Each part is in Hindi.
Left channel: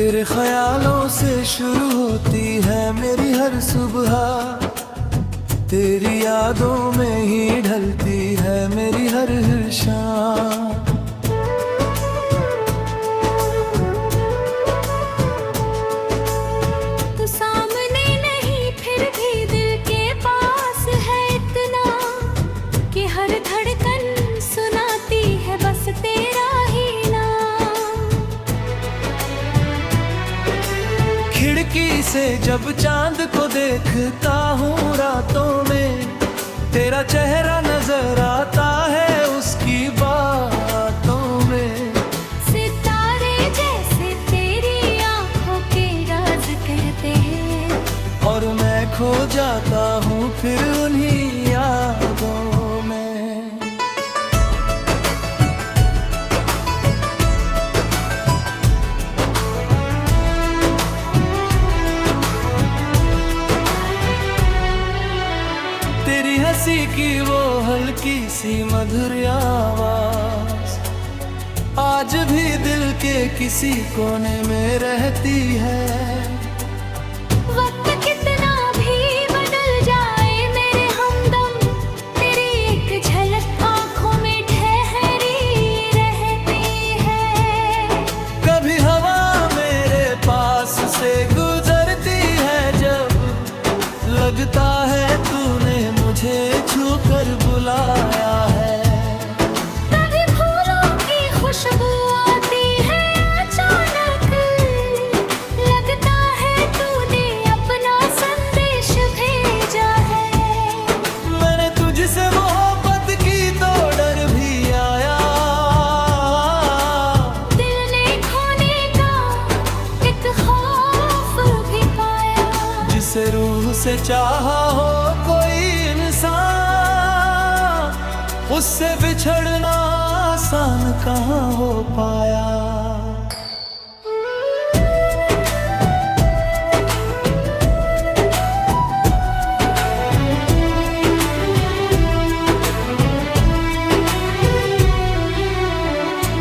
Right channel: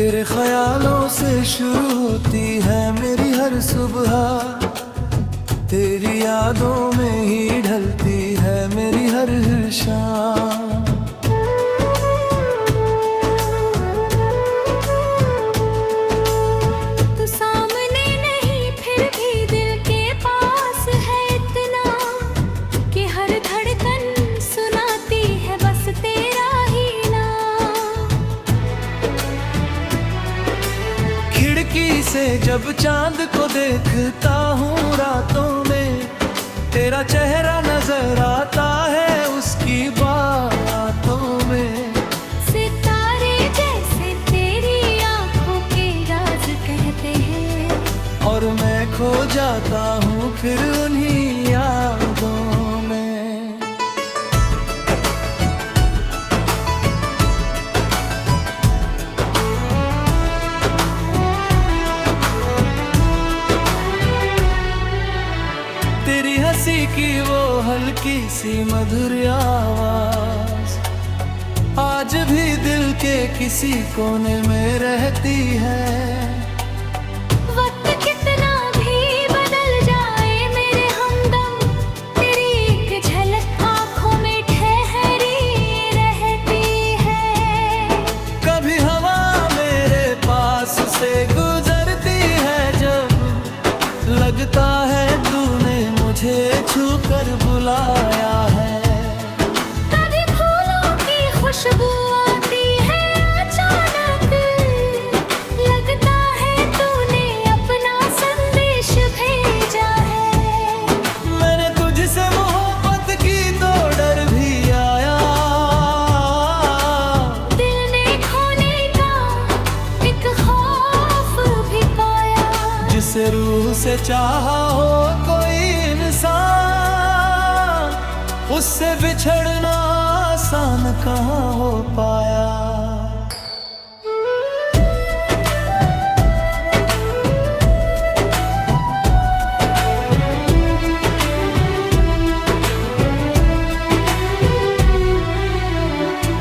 तेरे ख्यालों से शुरू होती है मेरी हर सुबह, तेरी यादों में ही ढलती है मेरी हर शाम। तू सामने नहीं फिर भी दिल के पास है इतना कि हर धड़कन सुनाती है बस तेरा ही नाम। खिड़की से जब चांद को देखता हूँ रातों में, तेरा चेहरा नजर आता है उसकी बातों में। सितारे जैसे तेरी आंखों के राज कहते हैं, और मैं खो जाता हूँ फिर उन्हीं यादों में। तेरी हंसी की वो हल्की सी मधुर आवाज आज भी दिल के किसी कोने में रहती है। वक्त कितना भी बदल जाए मेरे हमदम, तेरी एक झलक आंखों में ठहरी रहती है। कभी हवा मेरे पास से गुजरती है जब लगता है तूने मुझे छू कर बुलाया है। कभी फूलों की खुशबू आती है अचानक, लगता है तूने अपना संदेश भेजा है। मैंने तुझसे मोहब्बत की तो डर भी आया, दिल ने खोने का एक खौफ भी पाया। जिसे रूह से चाहा हो कोई इंसान, उससे बिछड़ना आसान कहाँ हो पाया।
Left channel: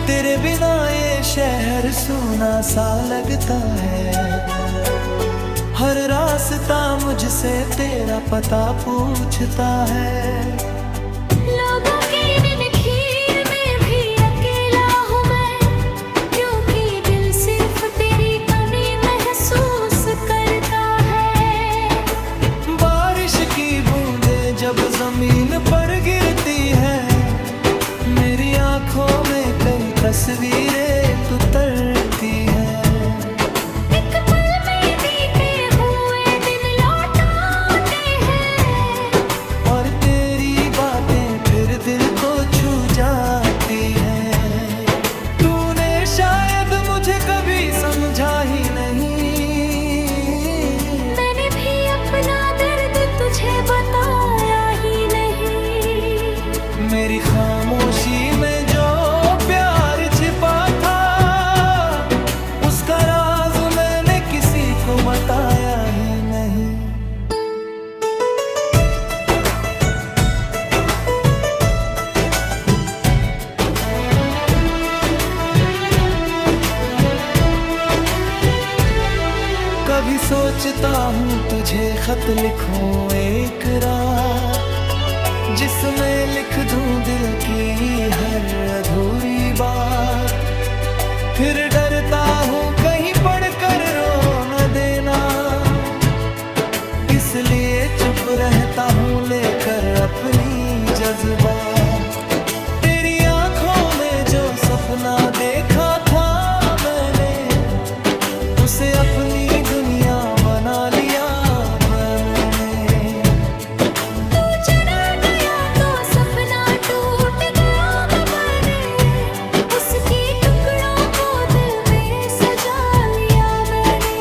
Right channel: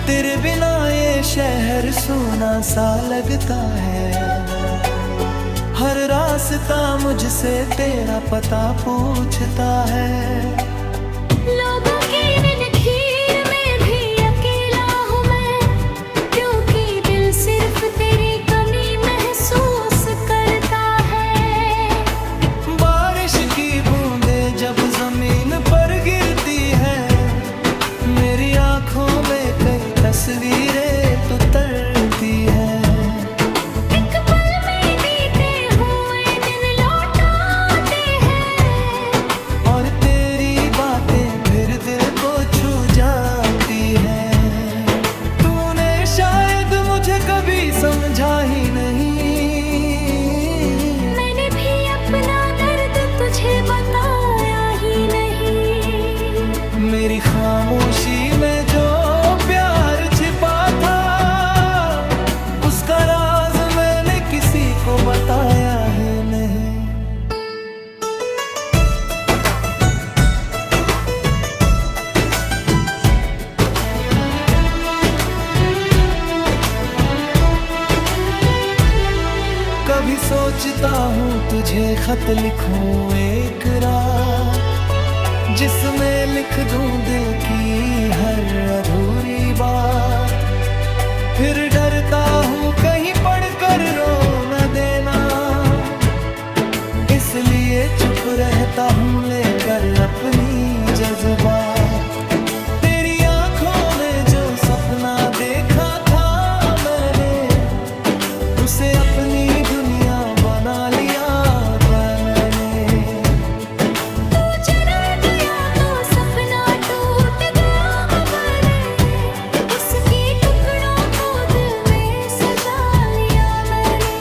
तेरे बिना ये शहर सूना सा लगता है, हर रास्ता मुझसे तेरा पता पूछता है। लोगों की नखीर में भी अकेला हूँ मैं, क्योंकि दिल सिर्फ तेरी कमी महसूस करता है। बारिश की बूंदें जब जमीन पर गिरती है, मेरी आंखों में कई तस्वीरें उतरती है। एक पल में बीते हुए दिन लौट आते हैं, और तेरी बातें फिर दिल को छू जाती है। तूने शायद मुझे कभी समझा ही नहीं, मैंने भी अपना दर्द तुझे बताया ही नहीं। मेरी खामोशी में जो प्यार छिपा था, उसका राज मैंने किसी को बताया ही नहीं। कभी सोचता हूँ तुझे खत लिखूं एक रात, जिसमें लिख दूं दिल की हर अधूरी बात। फिर डरता हूँ कहीं पढ़कर रो न देना, इसलिए चुप रहता हूँ लेकर अपनी जज्बात। तेरी आंखों में जो सपना देखा था मैंने, उसे अपनी दुनिया बना लिया मैंने। तू चला गया तो सपना टूट गया मैंने, उसके टुकड़ों को दिल में सजा लिया मैंने।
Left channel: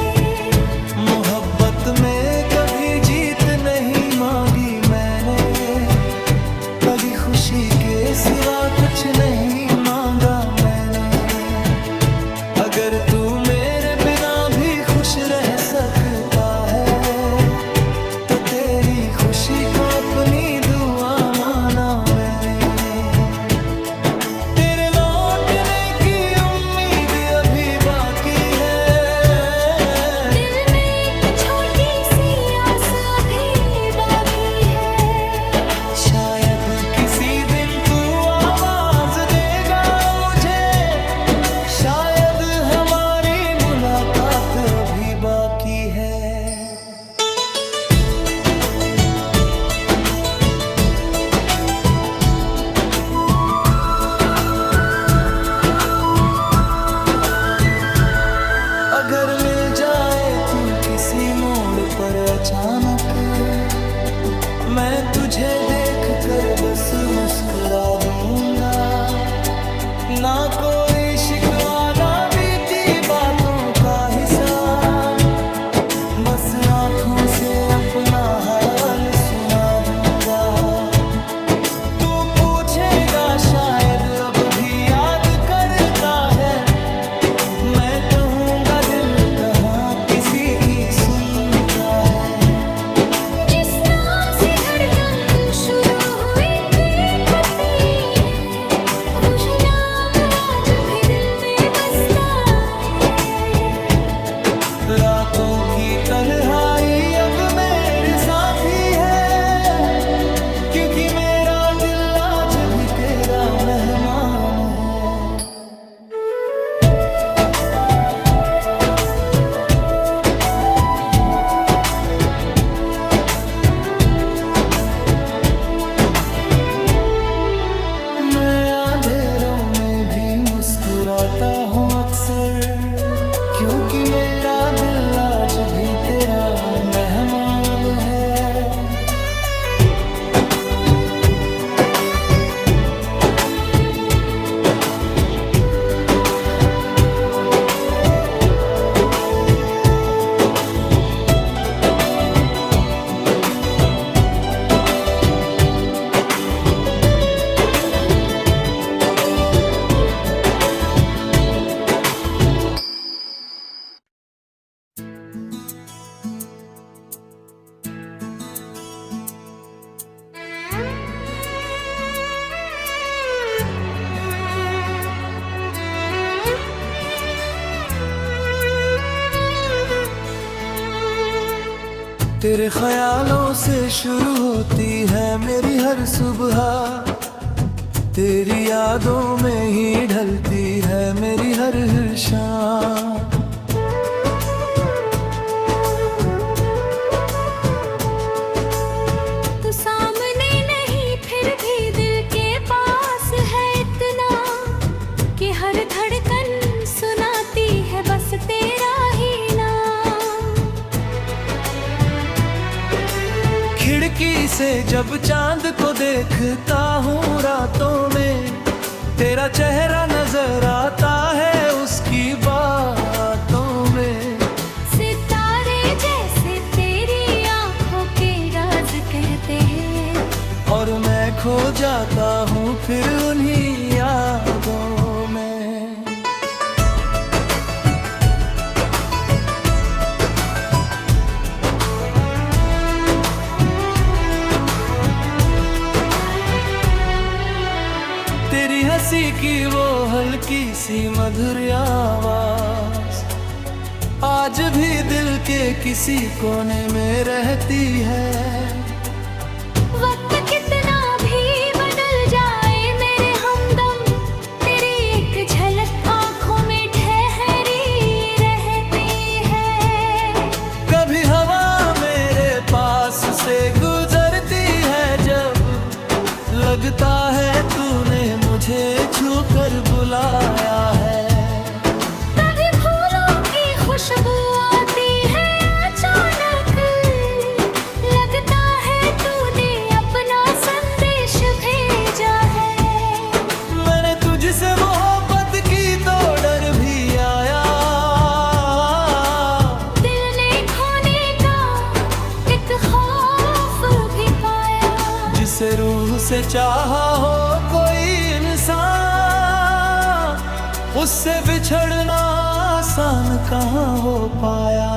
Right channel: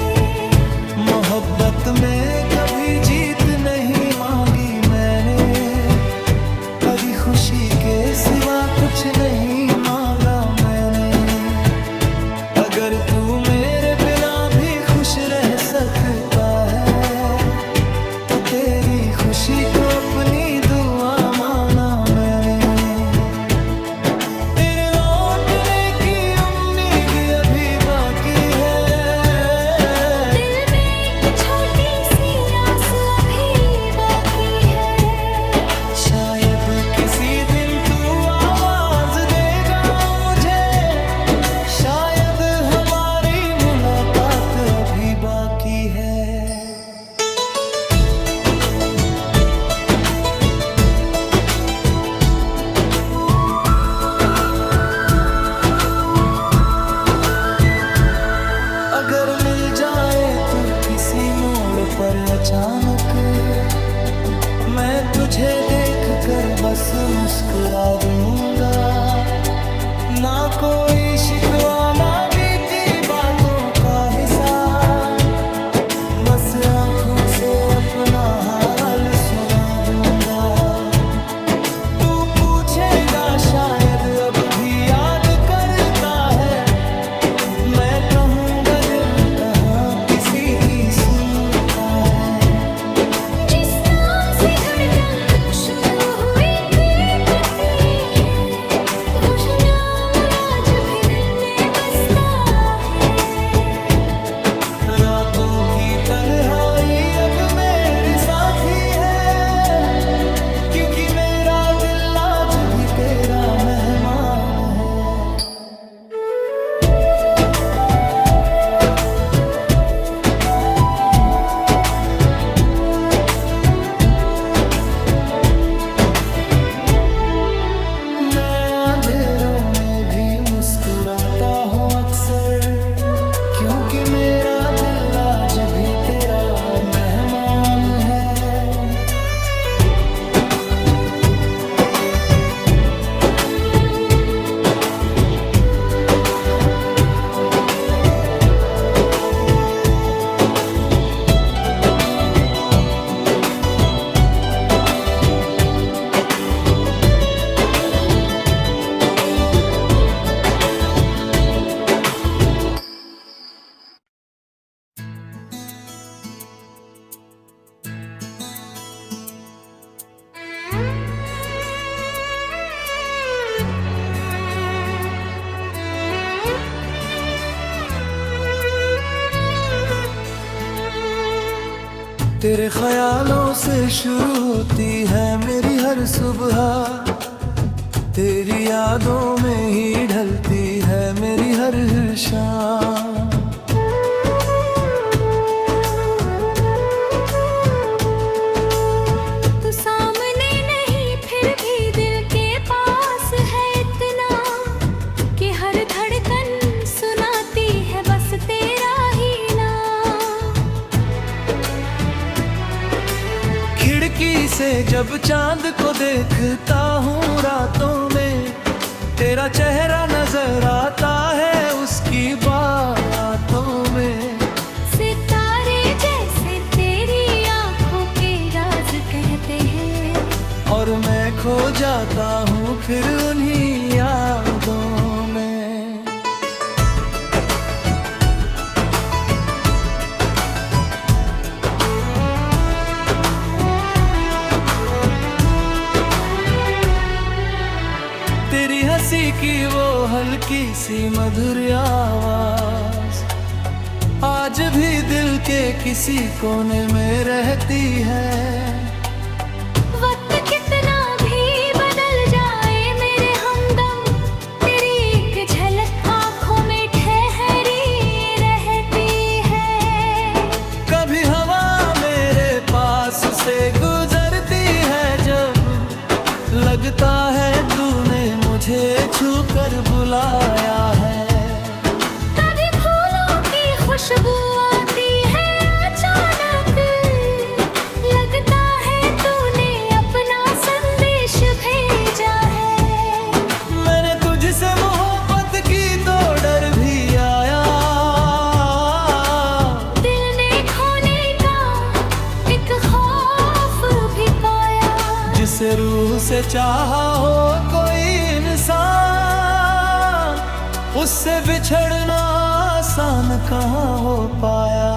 मोहब्बत में कभी जीत नहीं मांगी मैंने, कभी खुशी के सिवा कुछ नहीं मांगा मैंने। अगर तू मेरे बिना भी खुश रह सकता है, तो तेरी खुशी को अपनी दुआ माना मैंने। तेरे लौटने की उम्मीद अभी बाकी है, वक्त अभी बाकी है। अगर मिल जाए तू किसी मोड़ पर अचानक, मैं तुझे देख कर बस मुस्कुरा दूंगा। ना कोई शिकवा ना बीती बातों का हिसाब, बस आंखों से अपना हाल सुना दूंगा। तू पूछेगा शायद अब भी याद करता है, मैं कहूँगा दिल कहाँ किसी की सुनता है। जिस नाम से धड़कन तू शुरू हुई थी है, वो नाम आज भी दिल में बसता है। रातों की तन्हाई अब मेरे साथी है, क्योंकि मेरा दिल आज भी तेरा मेहमान है। मुस्कुराता हूँ अक्सर, क्योंकि मेरा दिल आज भी तेरा मेहमान है। तेरे ख्यालों से शुरू होती है मेरी हर सुबह, तेरी यादों में ही ढलती है मेरी हर शाम। तू सामने नहीं फिर भी दिल के पास है इतना, कि हर धड़कन सुनाती है बस तेरा ही नाम। खिड़की से जब चांद को देखता हूँ रातों में, तेरा चेहरा नजर आता है उसकी बातों में। सितारे जैसे तेरी आंखों के राज कहते हैं, और मैं खो जाता हूँ फिर उन्हीं यादों में। तेरी हंसी की वो हल्की सी मधुर आवाज आज भी दिल के किसी कोने में रहती है। वक्त कितना भी बदल जाए मेरे हमदम, तेरी एक झलक आंखों में ठहरी रहती है। कभी हवा मेरे पास से गुजरती है जब, लगता है तूने मुझे छू कर बुलाया है। कभी फूलों की खुशबू आती है अचानक, लगता है तूने अपना संदेश भेजा है। मैंने तुझसे मोहब्बत की तो डर भी आया, दिल ने खोने का एक खौफ भी पाया। जिसे रूह से चाहा हो कोई इंसान, उससे बिछड़ना आसान कहाँ हो पाया।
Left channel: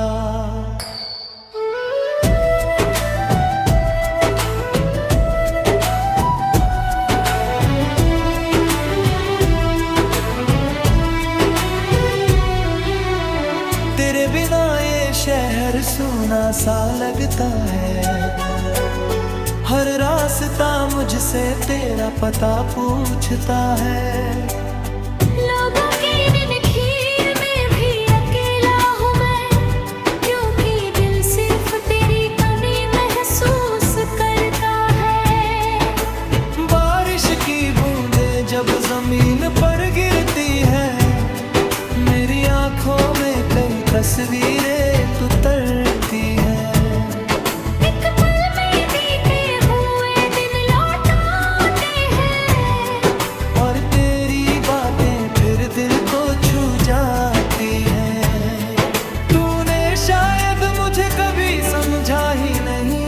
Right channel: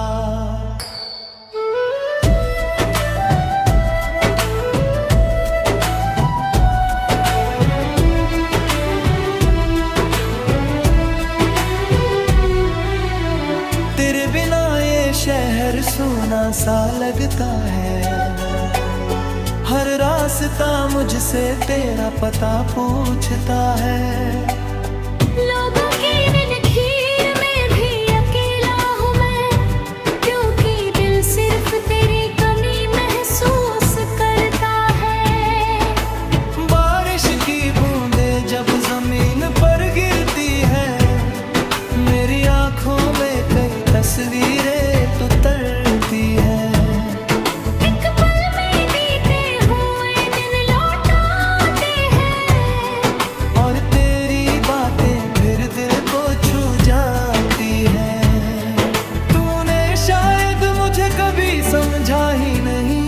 तेरे बिना ये शहर सूना सा लगता है, हर रास्ता मुझसे तेरा पता पूछता है। लोगों की नींद खीर में भी अकेला हूँ मैं, अब जमीन पर गिरती है। मेरी आंखों में कई तस्वीरें तू तरती है। एक पल में बीते हुए दिन लौट आते हैं, और तेरी बातें फिर दिल को छू जाती है। तूने शायद मुझे कभी समझा ही नहीं,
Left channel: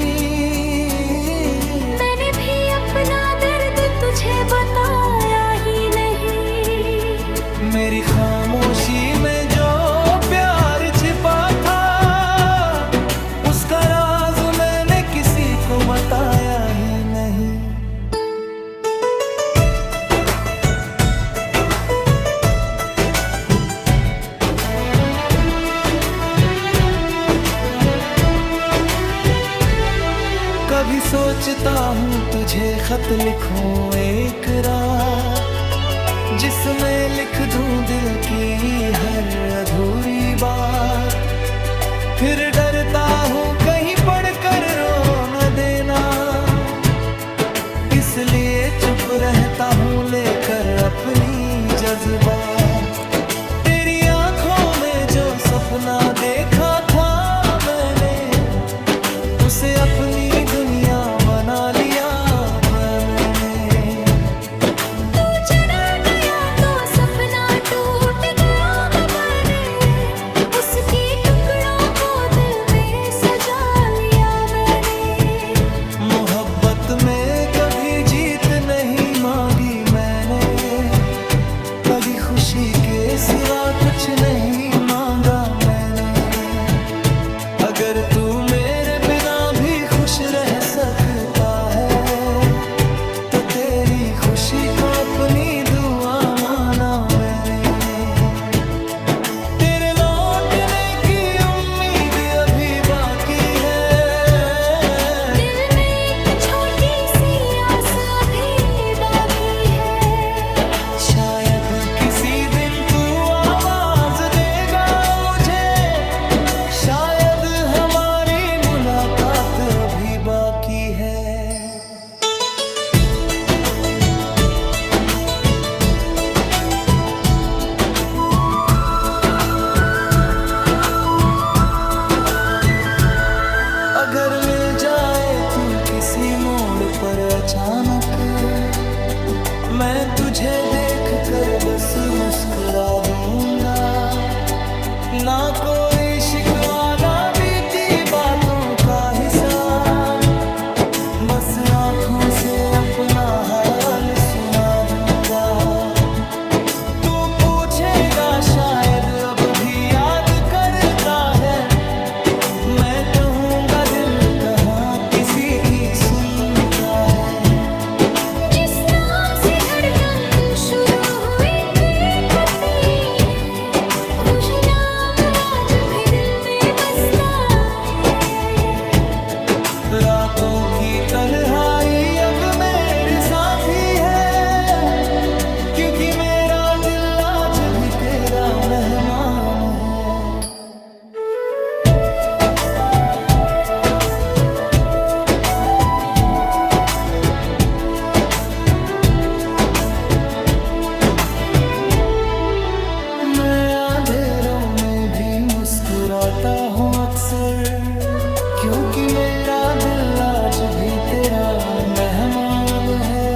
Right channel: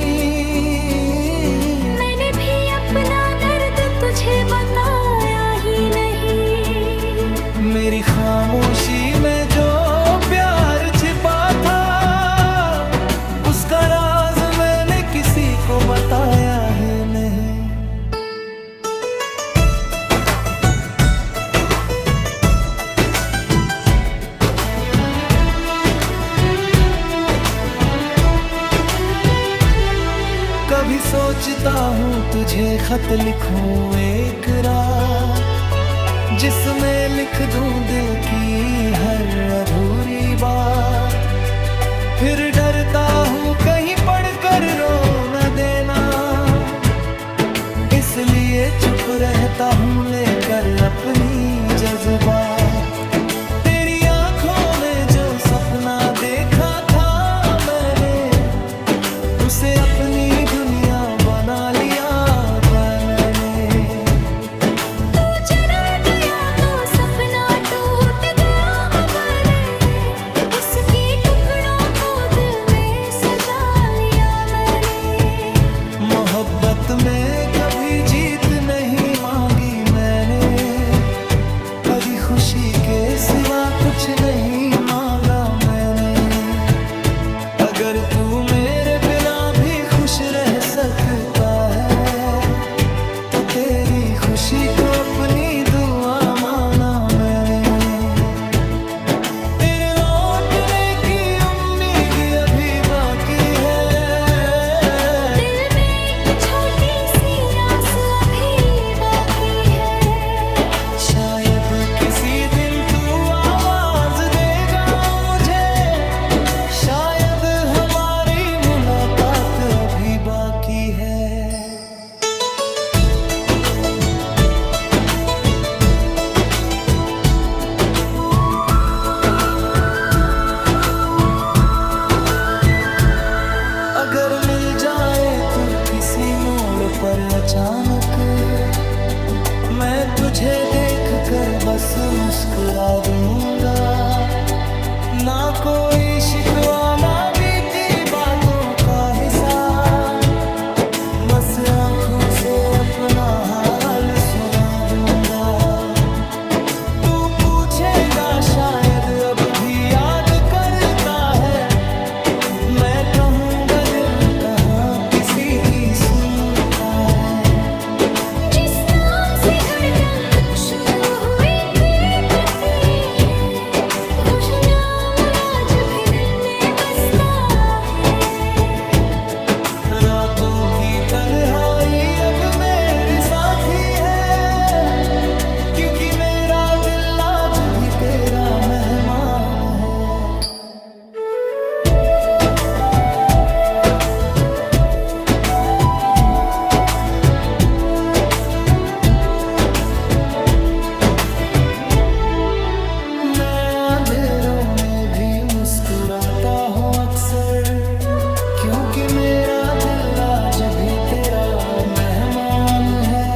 मैंने भी अपना दर्द तुझे बताया ही नहीं। मेरी खामोशी में जो प्यार छिपा था, उसका राज मैंने किसी को बताया ही नहीं। कभी सोचता हूँ तुझे खत लिखूं एक रात, जिसमें लिख दूं दिल की हर अधूरी बात। फिर डरता हूँ कहीं पढ़कर रो न देना, इसलिए चुप रहता हूँ लेकर अपनी जज्बात। तेरी आंखों में जो सपना देखा था मैंने, उसे अपनी दुनिया बना लिया मैंने। तू चला गया तो सपना टूट गया मैंने, उसके टुकड़ों को दिल में सजा लिया मैंने। मोहब्बत में कभी जीत नहीं मांगी मैंने, कभी खुशी के सिवा कुछ नहीं मांगा मैंने। अगर तू मेरे बिना भी खुश रह सकता है, तो तेरी खुशी को अपनी दुआ माना मैंने। तेरे लौटने की उम्मीद अभी बाकी है, दिल में एक छोटी सी आस अभी बाकी है। शायद किसी दिन तू आवाज देगा मुझे, शायद हमारी मुलाकात अभी बाकी है। अगर मिल जाए तू किसी मोड़ पर अचानक, मैं तुझे देख कर बस मुस्कुरा दूंगा। ना कोई शिकवा ना बीती बातों का हिसाब, बस आंखों से अपना हाल सुना दूंगा। तू पूछेगा शायद अब भी याद करता है, मैं कहूँगा दिल कहाँ किसी की सुनता है। जिस नाम से धड़कन तू शुरू हुई थी होती है, वो नाम आज भी दिल में बसता है। रातों की तन्हाई अब मेरे साथी है, क्योंकि मेरा दिल आज भी तेरा मेहमान है। अंधेरों में भी मुस्कुराता हूँ अक्सर, क्योंकि मेरा दिल आज भी तेरा मेहमान है।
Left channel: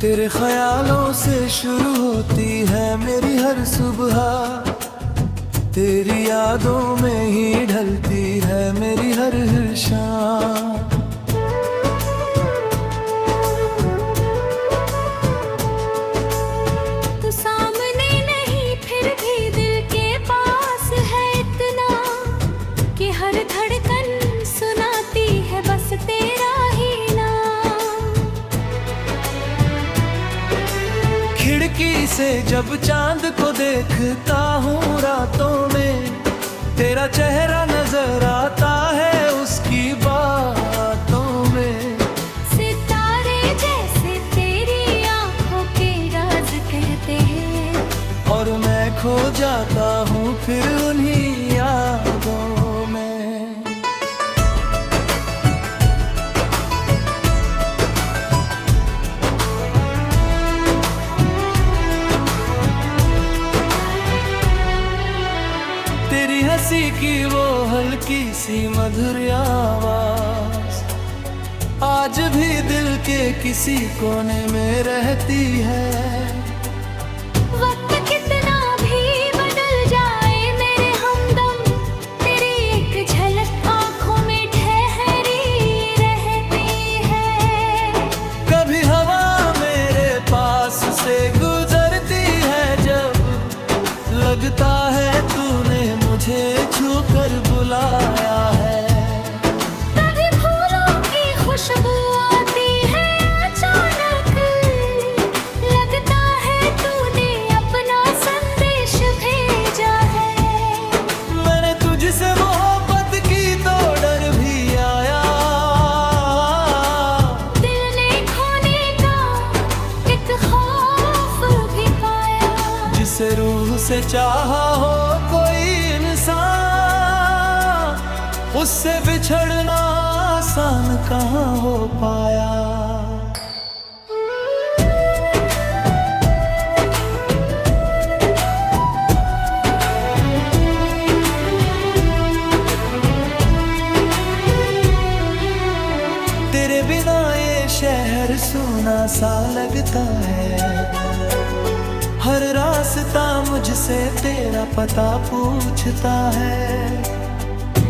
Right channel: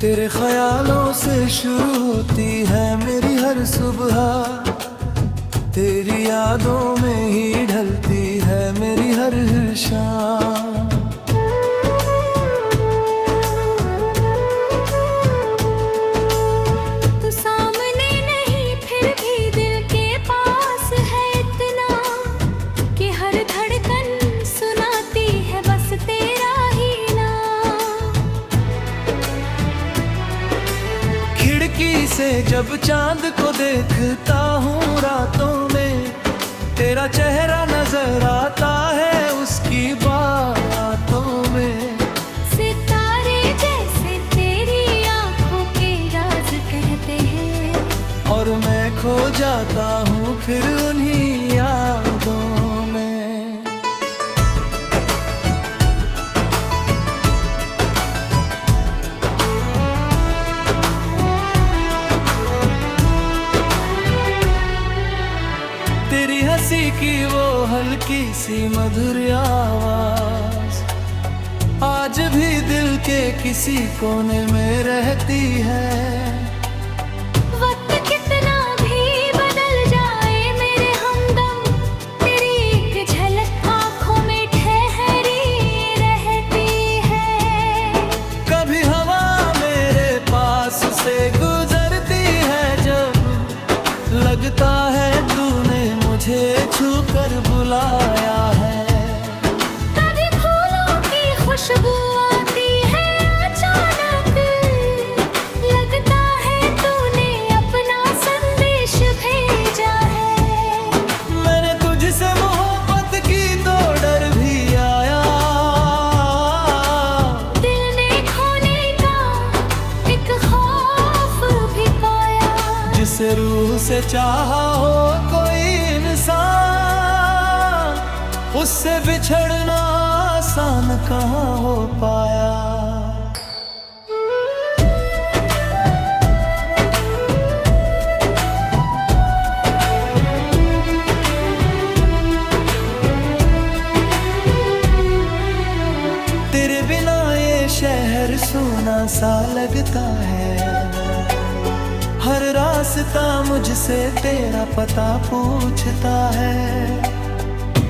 तेरे ख्यालों से शुरू होती है मेरी हर सुबह, तेरी यादों में ही ढलती है मेरी हर शाम। तू सामने से जब चांद को देखता हूँ रातों में, तेरा चेहरा नजर आता है उसकी बातों में। सितारे जैसे तेरी आंखों के राज कहते हैं, और मैं खो जाता हूँ फिर उन्हीं यादों में। तेरी हंसी की वो हल्की सी मधुर आवाज आज भी दिल के किसी कोने में रहती है। वक्त कितना भी बदल जाए मेरे हमदम, तेरी एक झलक आंखों में ठहरी रहती है। कभी हवा मेरे पास से गुजरती है, जब लगता है तूने मुझे छूकर बुलाया है। कभी फूलों की खुशबू आती है अचानक, लगता है तूने अपना संदेश भेजा है। मैंने तुझसे मोहब्बत की तो डर भी आया, दिल ने खोने का एक खौफ भी पाया। जिसे रूह से चाहा हो कोई इंसान, उससे बिछड़ना आसान कहाँ हो पाया। तेरे बिना ये शहर सूना सा लगता है, हर रास्ता मुझसे तेरा पता पूछता है।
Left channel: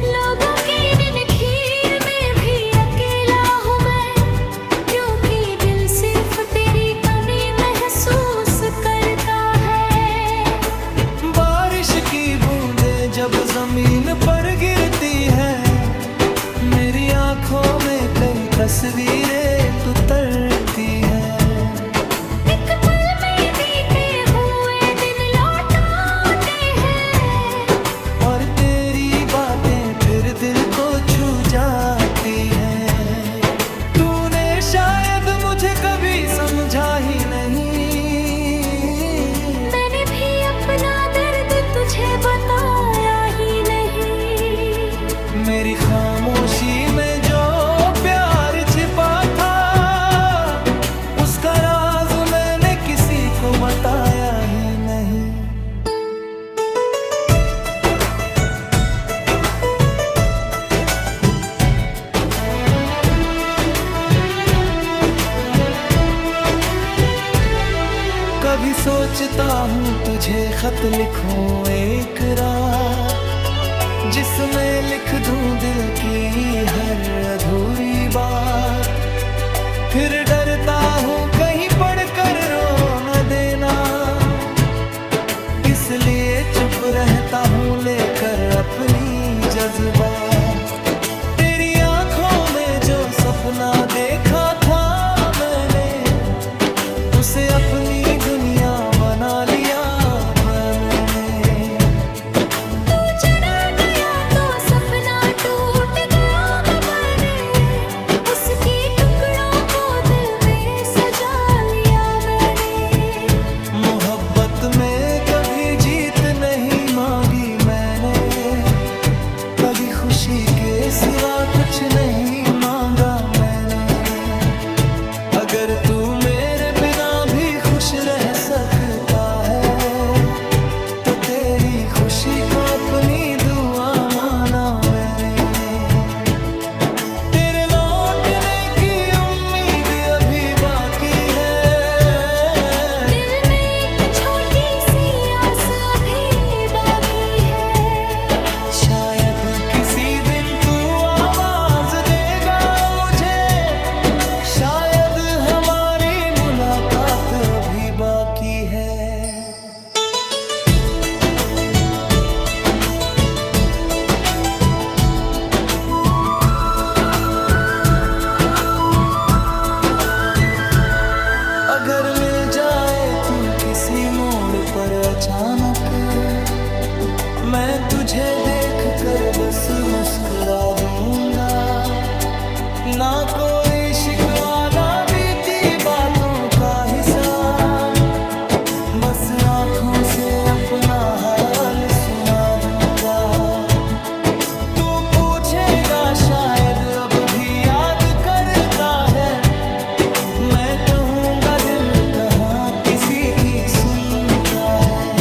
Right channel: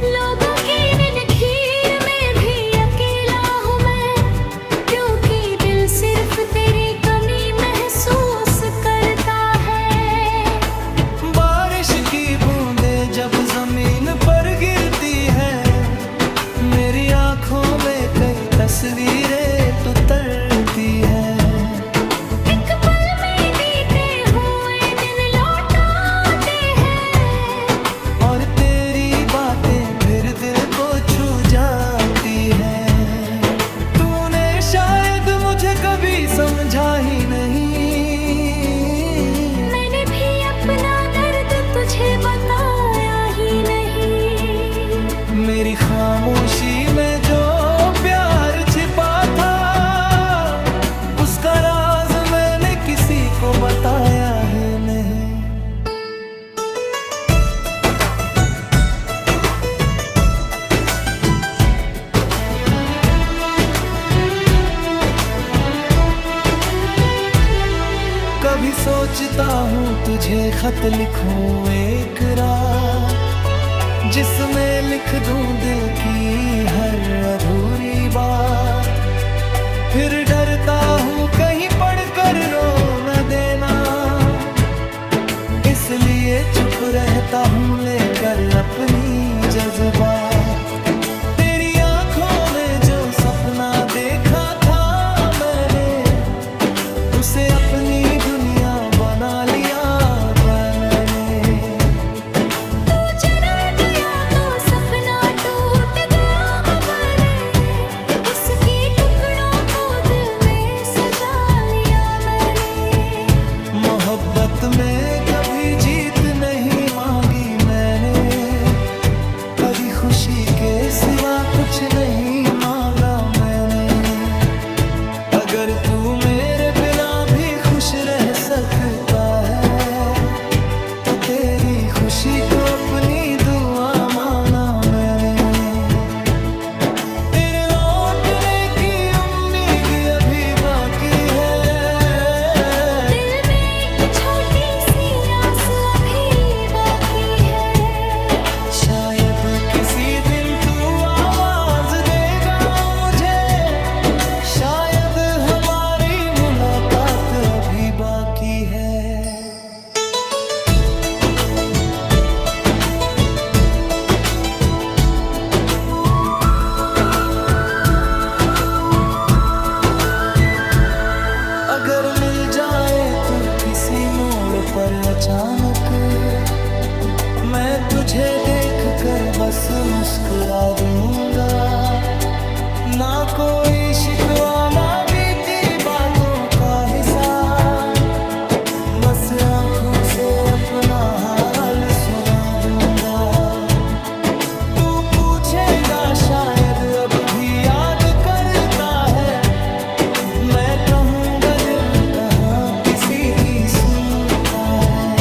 लोगों की नींद में भी अकेला हूँ मैं, क्योंकि दिल सिर्फ तेरी कमी महसूस करता है। बारिश की बूंदें जब जमीन पर गिरती है, मेरी आंखों में कई तस्वीरें तो तरती है। एक पल में बीते हुए दिन लौट आते हैं, और तेरी बातें फिर दिल को छू जाती है। तूने शायद मुझे कभी समझा ही नहीं, मैंने भी अपना दर्द तुझे बताया ही नहीं। मेरी खामोशी में जो प्यार छिपा था, उसका राज मैंने किसी को बताया ही नहीं। कभी सोचता हूँ तुझे खत लिखूं एक रात, जिसमें लिख दूं दिल की हर अधूरी बात। फिर डरता हूँ कहीं पढ़कर रो न देना, इसलिए चुप रहता हूँ लेकर अपनी जज्बात। तेरी आंखों में जो सपना देखा था मैंने, उसे अपनी दुनिया बना लिया मैंने। तू चला गया तो सपना टूट गया मैंने, उसके टुकड़ों को दिल में सजा लिया मैंने। मोहब्बत में कभी जीत नहीं मांगी मैंने, कभी खुशी के सिवा कुछ नहीं मांगा मैंने। अगर तू मेरे बिना भी खुश रह सकता है, तो तेरी खुशी को अपनी दुआ माना मैंने। तेरे लौटने की उम्मीद अभी बाकी है, दिल में एक छोटी सी आस अभी बाकी है। शायद किसी दिन तू आवाज देगा मुझे, शायद हमारी मुलाकात अभी बाकी है। अगर मिल जाए तू किसी मोड़ पर अचानक मैं तुझे देख कर बस मुस्कुरा दूंगा। ना कोई शिकवा ना बीती बातों का हिसाब, बस आंखों से अपना हाल सुना दूंगा। तू पूछेगा शायद अब भी याद करता है, मैं कहूँगा दिल कहाँ किसी की सुनता है।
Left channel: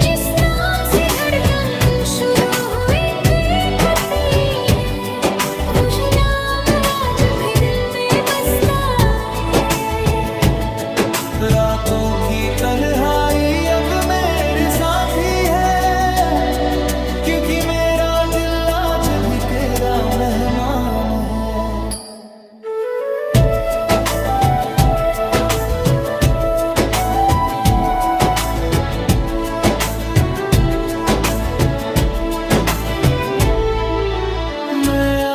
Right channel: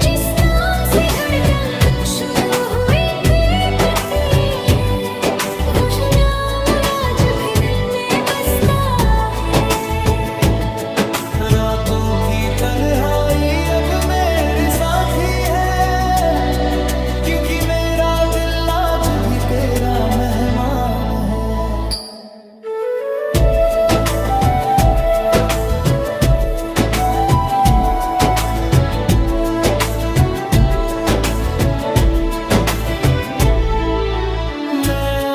जिस नाम से धड़कन तू शुरू हुई थी होती है, वो नाम आज भी दिल में बसता है। रातों की तन्हाई अब मेरे साथी है, क्योंकि मेरा दिल आज भी तेरा मेहमान है।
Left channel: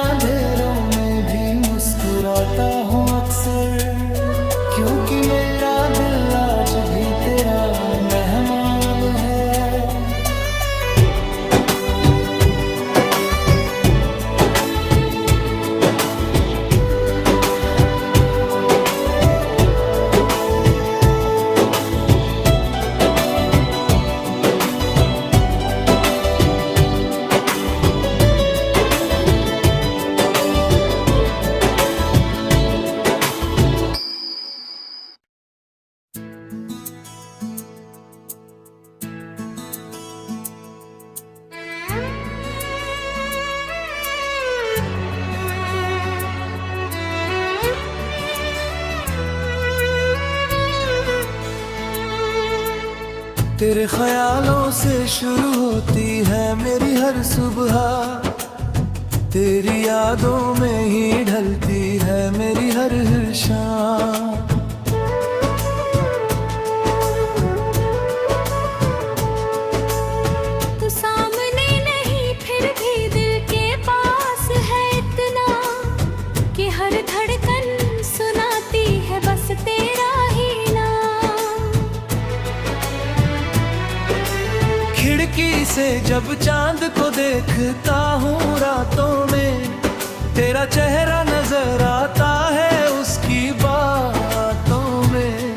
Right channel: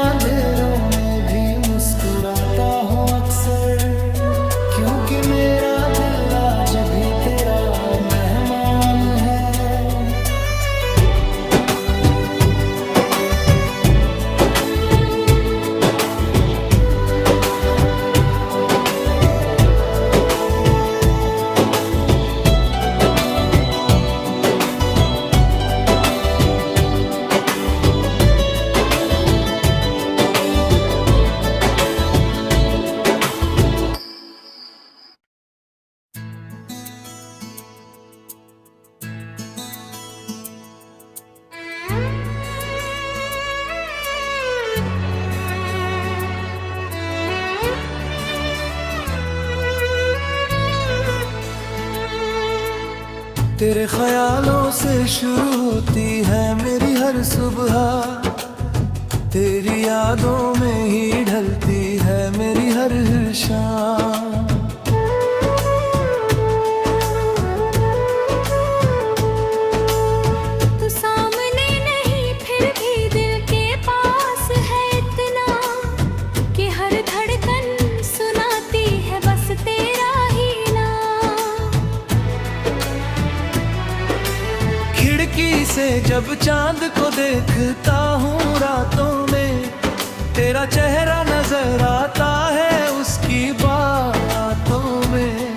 अंधेरों में भी मुस्कुराता हूँ अक्सर, क्योंकि मेरा दिल आज भी तेरा मेहमान है। तेरे ख्यालों से शुरू होती है मेरी हर सुबह, तेरी यादों में ही ढलती है मेरी हर शाम। तू सामने नहीं फिर भी दिल के पास है इतना, कि हर धड़कन सुनाती है बस तेरा ही नाम। खिड़की से जब चांद को देखता हूँ रातों में, तेरा चेहरा नजर आता है उसकी बातों में।